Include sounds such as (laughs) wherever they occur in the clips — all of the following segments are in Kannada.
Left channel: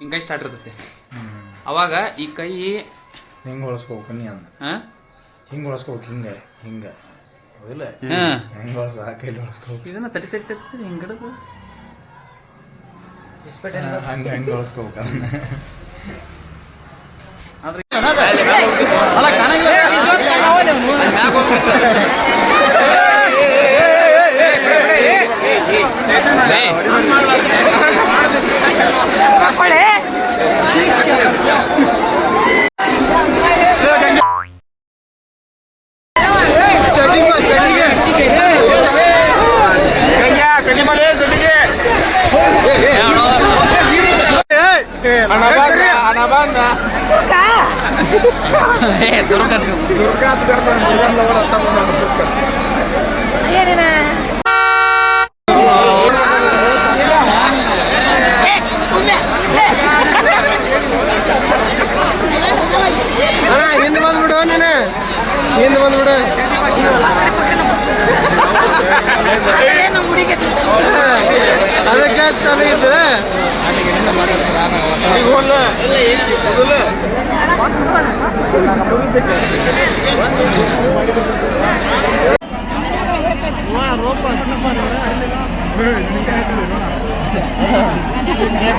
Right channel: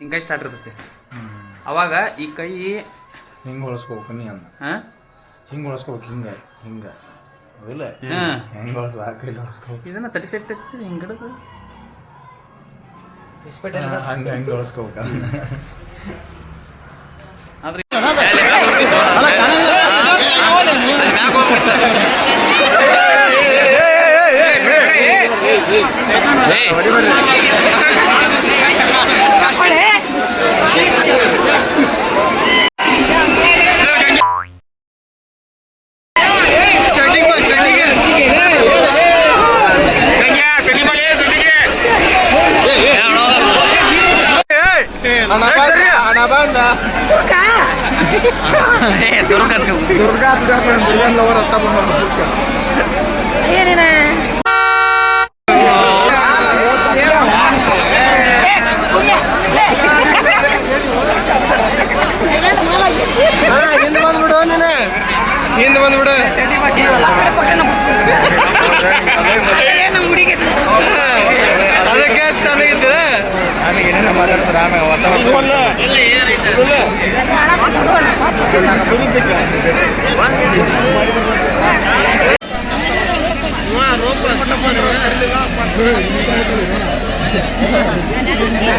ಹಿಂಗೆ ಸ್ಟಾರ್ಟ್ ಇರ್ತೈತಿ ಅವಾಗ ಈ ಕೈ ಹಿಂಗೆ ಹೊಳಸ್ಕೋಬೇಕು ನೀ ಅಂದ ಹಾಂ ಹಿಂಗೆ ಹೊಳಸ್ಕೋಬೇಕು ಹಿಂಗೆ ಹಿಂಗೆ ಹಿಂಗೆ ಆ ಕೈಲಿ ಹೊಳಸ್ಕೋಬೇಕು ಇದನ್ನ ತಡಿ ತಡಿ ತಡಿ ಹಿಂಗೆ ಹಿಡಿದು ಹಂಗೆ ಹಂಗೆ ಹೊಳಸ್ಕೋಬೇಕು ಅದನ್ನ ಆದ್ರೆ ಹಿಂದೆ ಬಂದ್ಬಿಡು (laughs) ಅದಕ್ಕೆ ಚೆನ್ನಾಗಿದೆ கேக்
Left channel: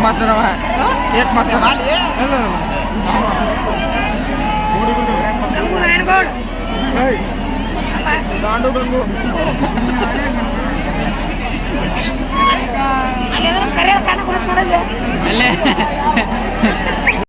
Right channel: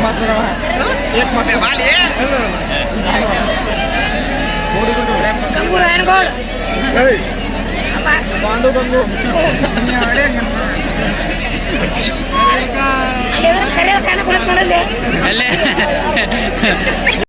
மாஸ்டர் அவன் கேக் மாஸ்டர் வாலி ஓடி கொண்டு விளையாட பாண்டு கொண்டு ಕರೆಯಲು ಕಾಣ ನೋಡಲ್ಲಿ ಅಲ್ಲೇ